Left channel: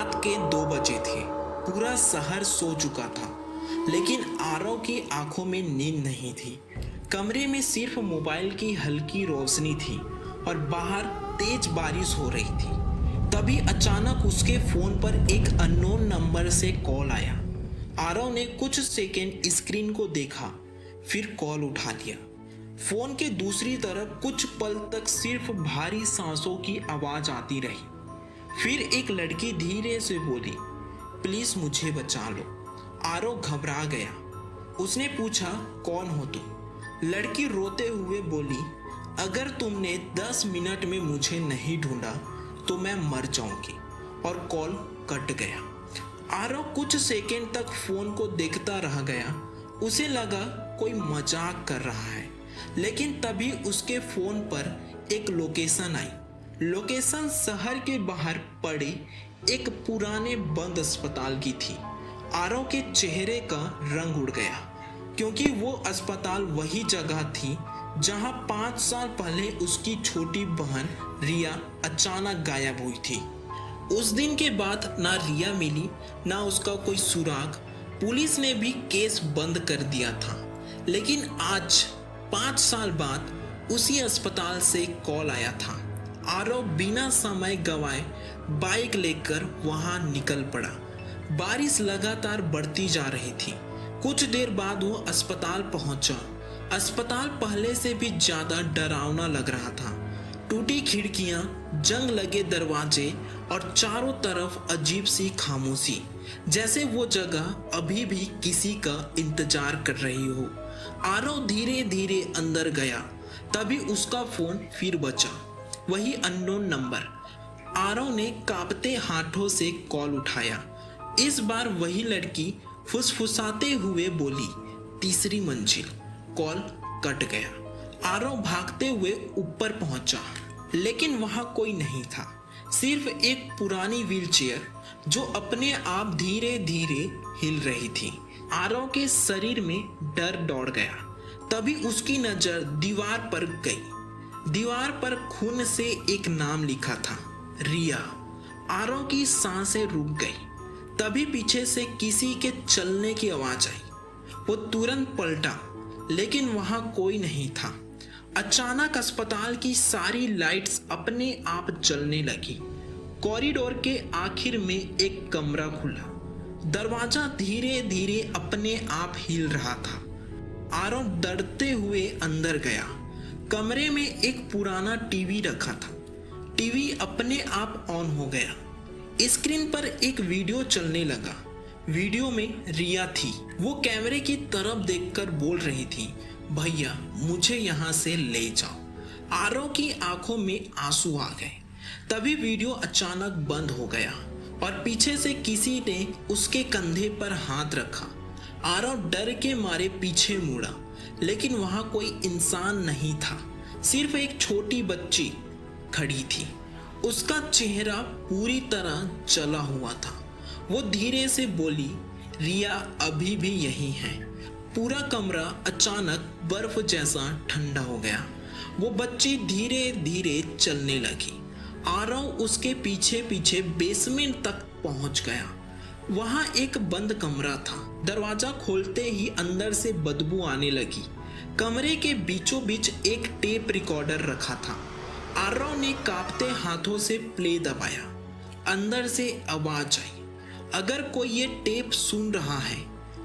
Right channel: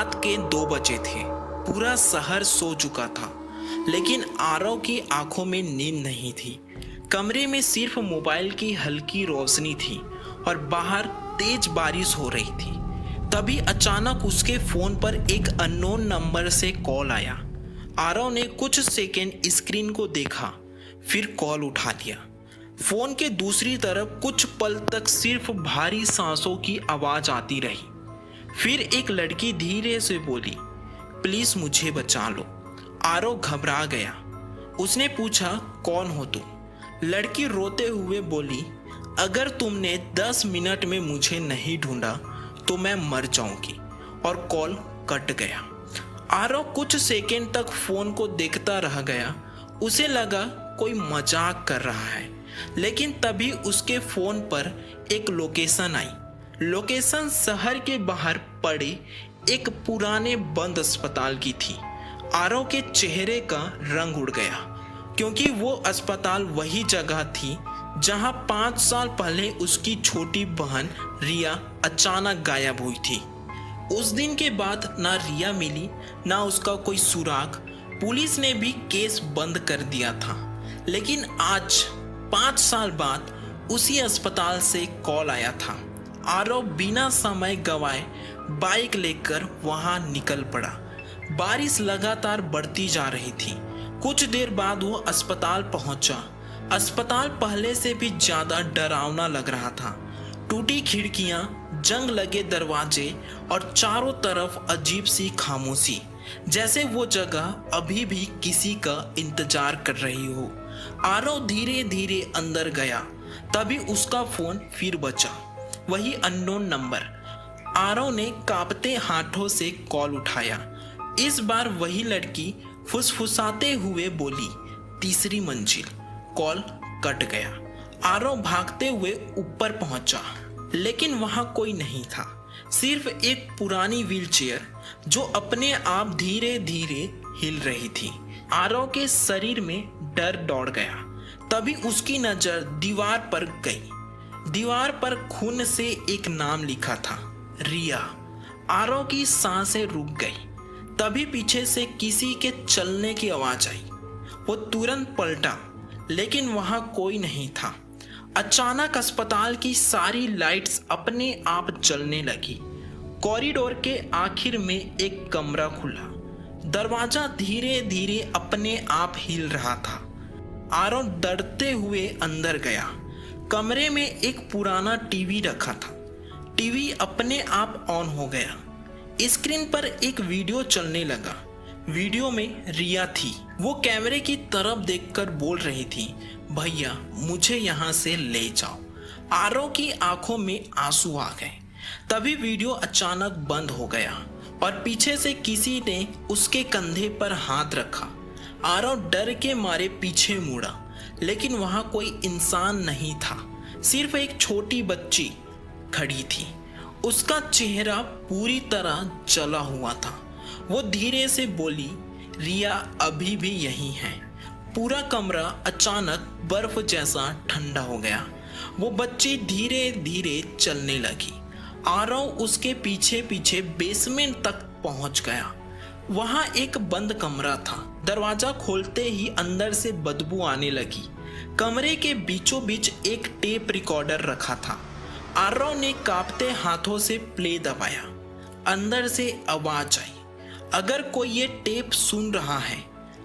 रात के 2 बजे थे। पूरा शहर सो चुका था, लेकिन आरव की आंखों में नींद नहीं थी। कमरे में सिर्फ मोबाइल की हल्की रोशनी थी और बाहर तेज बारिश हो रही थी। तभी अचानक उसके फोन पर एक अननोन नंबर से कॉल आया। आरव ने कुछ सेकंड स्क्रीन को देखा, फिर कॉल उठा लिया। फोन के दूसरी तरफ कुछ पल तक सिर्फ भारी सांसों की आवाज आती रही। फिर एक लड़की धीरे से बोली, प्लीज मुझे बचा लो। आरव घबरा गया। उसने पूछा, कौन हो तुम? लड़की रोते हुए बोली, अगर तुमने 10 मिनट में मुझे नहीं ढूंढा तो मैं मर जाऊंगी। और कॉल कट गया। आरव कुछ सेकंड तक फोन को देखता रह गया। उसे लगा कोई मजाक कर रहा है, लेकिन तभी उसके फोन पर एक लोकेशन आई। लोकेशन शहर के बाहर पड़े एक पुराने बंद अस्पताल की थी। आरव के चेहरे का रंग उड़ गया, क्योंकि वो अस्पताल वही जगह थी जहां 5 साल पहले उसकी छोटी बहन रिया अचानक गायब हुई थी। उस दिन के बाद ना रिया मिली, ना उसका कोई सुराग। पुलिस ने भी केस बंद कर दिया था। लेकिन आज 5 साल बाद उसी अस्पताल से कॉल आया था। आरव बिना समय गवाए बाइक लेकर वहां निकल पड़ा। बारिश लगातार बढ़ती जा रही थी। कुछ देर बाद वो अस्पताल पहुंचा। अस्पताल पहले से भी ज्यादा डरावना लग रहा था। टूटी खिड़कियां, जंग लगे दरवाजे और चारों तरफ अजीब सी खामोशी, जैसे वो जगह अभी भी किसी का इंतजार कर रही हो। आरव धीरे धीरे अंदर गया। तभी उसका फोन फिर बजा, वही अननोन नंबर। आरव ने कांपते हाथों से कॉल उठाया। इस बार वही लड़की फुसफुसाते हुए बोली, तीसरी मंजिल। कॉल कट गया। आरव भागते हुए ऊपर पहुंचा, लेकिन वहां कोई नहीं था। सिर्फ एक पुरानी व्हीलचेयर जो अपने आप धीरे धीरे हिल रही थी। आरव के शरीर में डर दौड़ गया। तभी उसकी नजर दीवार पर गई। दीवार पर खून से एक नाम लिखा था, रिया। आरव की सांसें रुक गई। तभी पीछे से किसी के चलने की आवाज आई। वो तुरंत पलटा, लेकिन वहां कोई नहीं था। अचानक अस्पताल की सारी लाइट्स अपने आप जलने लगी। कॉरिडोर के आखिर में एक कमरा खुला। दरवाजा धीरे धीरे अपने आप हिल रहा था। आरव डरते हुए अंदर गया। कमरे में एक पुराना टीवी रखा था। टीवी अपने आप ऑन हो गया। स्क्रीन पर एक वीडियो चलने लगा। वीडियो में रिया थी। वो कैमरे की तरफ देखकर बोल रही थी, भैया मुझे यहाँ से ले जाओ। आरव की आंखों में आंसू आ गए। तभी वीडियो अचानक बंद हो गया और पीछे से किसी ने उसके कंधे पर हाथ रखा। आरव डर के मारे पीछे मुड़ा, लेकिन वहां कोई इंसान नहीं था। सिर्फ एक छोटी बच्ची खड़ी थी। उसका चेहरा पूरी तरह जला हुआ था। वो धीरे से बोली, रिया अभी भी यही है। पूरा कमरा अचानक बर्फ जैसा ठंडा हो गया। वो बच्ची धीरे धीरे चलने लगी। आरव उसके पीछे पीछे बेसमेंट तक पहुंच गया। वहां एक बंद कमरा था। दरवाजा खोलते ही अंदर से बदबू आने लगी। कमरे के बीचों बीच एक टेप रिकॉर्डर रखा था। आरव ने कांपते हाथों से प्ले दबाया। अंदर से आवाज आई, अगर कोई ये टेप सुन रहा है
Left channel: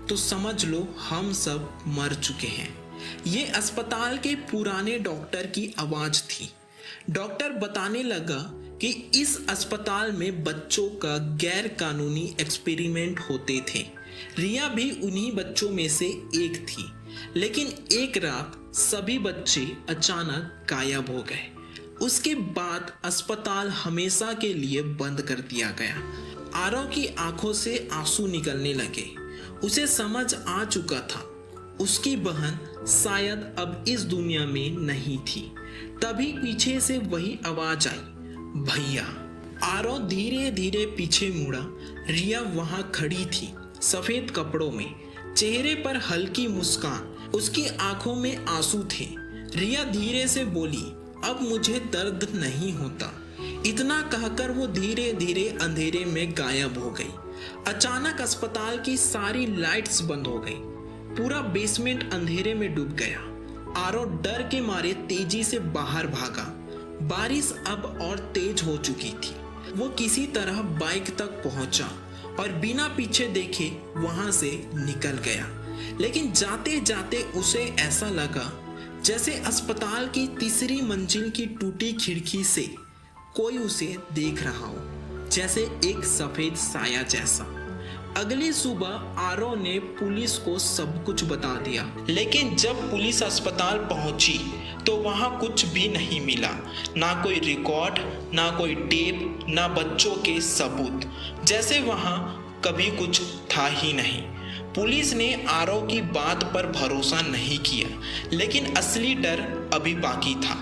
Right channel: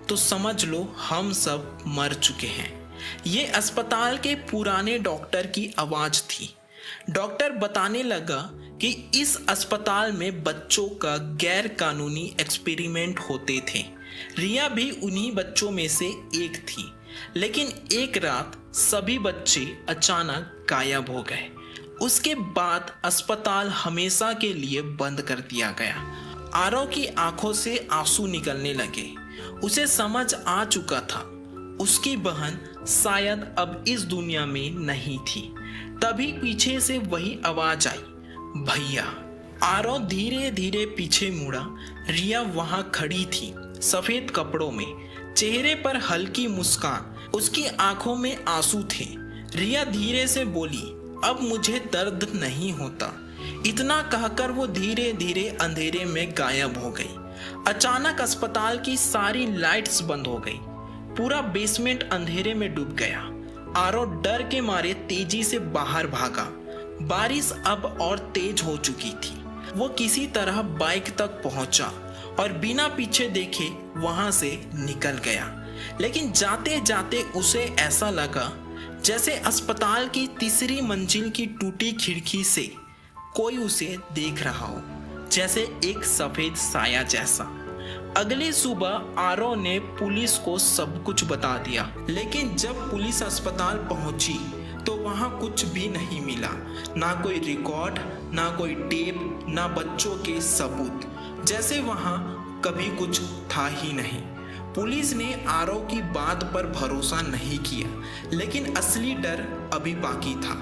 तो समझ लो हम सब मर चुके हैं। ये अस्पताल के पुराने डॉक्टर की आवाज थी। डॉक्टर बताने लगा कि इस अस्पताल में बच्चों का गैर कानूनी एक्सपेरिमेंट होते थे। रिया भी उन्हीं बच्चों में से एक थी। लेकिन एक रात सभी बच्चे अचानक गायब हो गए। उसके बाद अस्पताल हमेशा के लिए बंद कर दिया गया। आरव की आंखों से आंसू निकलने लगे। उसे समझ आ चुका था, उसकी बहन शायद अब इस दुनिया में नहीं थी। तभी पीछे से वही आवाज आई, भैया। आरव धीरे धीरे पीछे मुड़ा। रिया वहां खड़ी थी, सफेद कपड़ों में, चेहरे पर हल्की मुस्कान। उसकी आंखों में आंसू थे। रिया धीरे से बोली, अब मुझे दर्द नहीं होता। इतना कहकर वो धीरे धीरे अंधेरे में गायब हो गई। अचानक अस्पताल की सारी लाइट्स बंद हो गई। पूरा बेसमेंट अंधेरे में डूब गया। आरव डर के मारे तेजी से बाहर भागा। बारिश अब और तेज हो चुकी थी। वो किसी तरह बाइक तक पहुंचा और बिना पीछे देखे वहां से निकल गया। लेकिन जाते जाते उसे ऐसा लगा जैसे अस्पताल की तीसरी मंजिल की टूटी खिड़की से कोई उसे देख रहा हो, जैसे एक सफेद साया जैसा। अगली सुबह आरव ने पुलिस को सब कुछ बता दिया, लेकिन जब पुलिस अस्पताल पहुंची तो वहां कुछ भी नहीं मिला। ना कोई रिकॉर्ड, ना कोई टेप, ना बच्चों के सबूत, जैसे वहां कभी कुछ था ही नहीं। पुलिस ने आरव की बात पर भरोसा नहीं किया, लेकिन असली डर अभी बाकी था।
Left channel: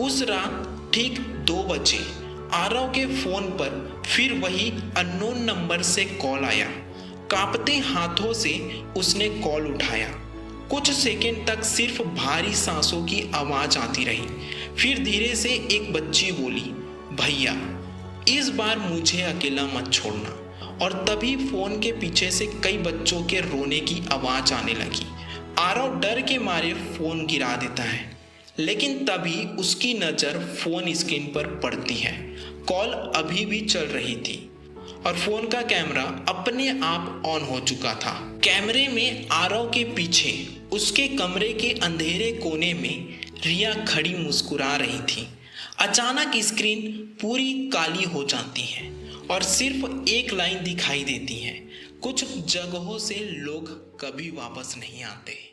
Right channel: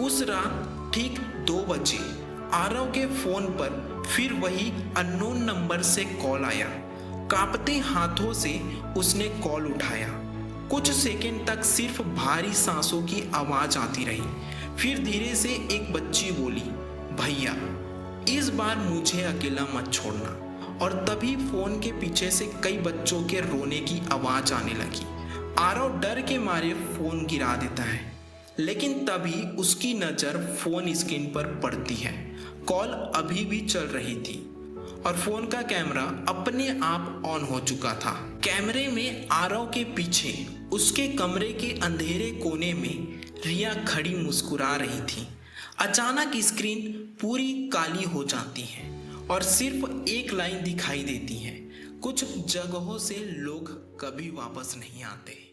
उस रात ठीक 2 बजे आरव के फोन पर फिर वही अननोन नंबर से कॉल आया। कांपते हाथों से उसने कॉल उठाया। कुछ सेकंड तक सिर्फ भारी सांसों की आवाज आती रही। फिर धीरे से एक बच्ची बोली, भैया इस बार मुझे अकेला मत छोड़ना। और तभी फोन के पीछे से कई बच्चों के रोने की आवाज आने लगी। आरव डर के मारे फोन गिरा देता है, लेकिन तभी उसकी नजर फोन स्क्रीन पर पड़ती है। कॉल अभी भी चल रही थी और फोन का कैमरा अपने आप ऑन हो चुका था। कैमरे में आरव के पीछे उसके कमरे के अंधेरे कोने में रिया खड़ी मुस्कुरा रही थी। अचानक स्क्रीन पूरी काली हो जाती है और सिर्फ एक लाइन दिखाई देती है, कुछ जगहों से लोग कभी वापस नहीं आते।